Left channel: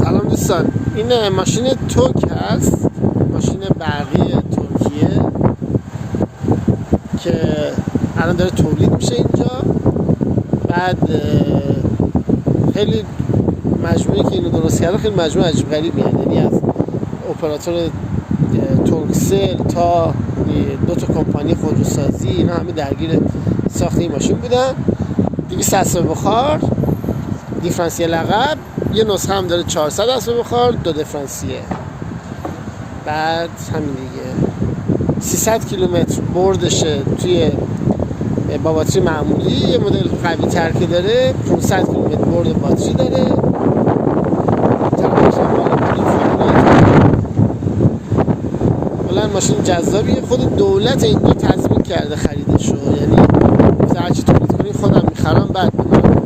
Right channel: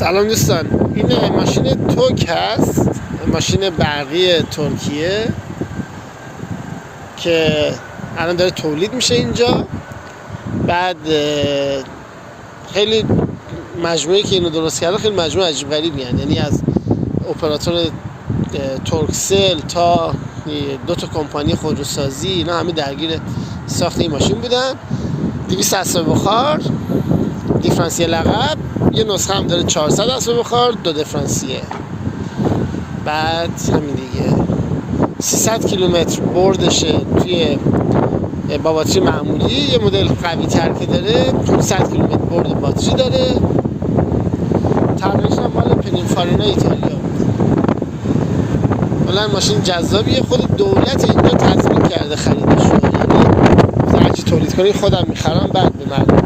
سلام دوستان، این ماشین توک هست، ماشین برقی ترکیه که الان داره تولید میشه اینجا. بعد خیلی مجموعه که اینو درست کرده خیلی مجموعه عجیب غریبی هست، یعنی از اپراتور ترکسل تا 2 تا کمپانی خودروسازی اینا همه درگیر ساخت این ماشین بودن. 200 اسب بخار، دیفرانسیل عقب، یه نسخه هم داره 400 اسب بخار، 2 دیفرانسیل. بعد همین دیگه 300 کیلومتر بردشه توی با باتری معمولی. یه مدل قوی تر که داره 500 کیلومتر برد باتری داره. تقریبش هم مال پینینفارینا ایتالیا. کلا ماشین جذابیه. خود دولت اینجا تضمین کرده خریدش رو، یعنی هرچی تولید کنی خودم میخرم بعد میدم.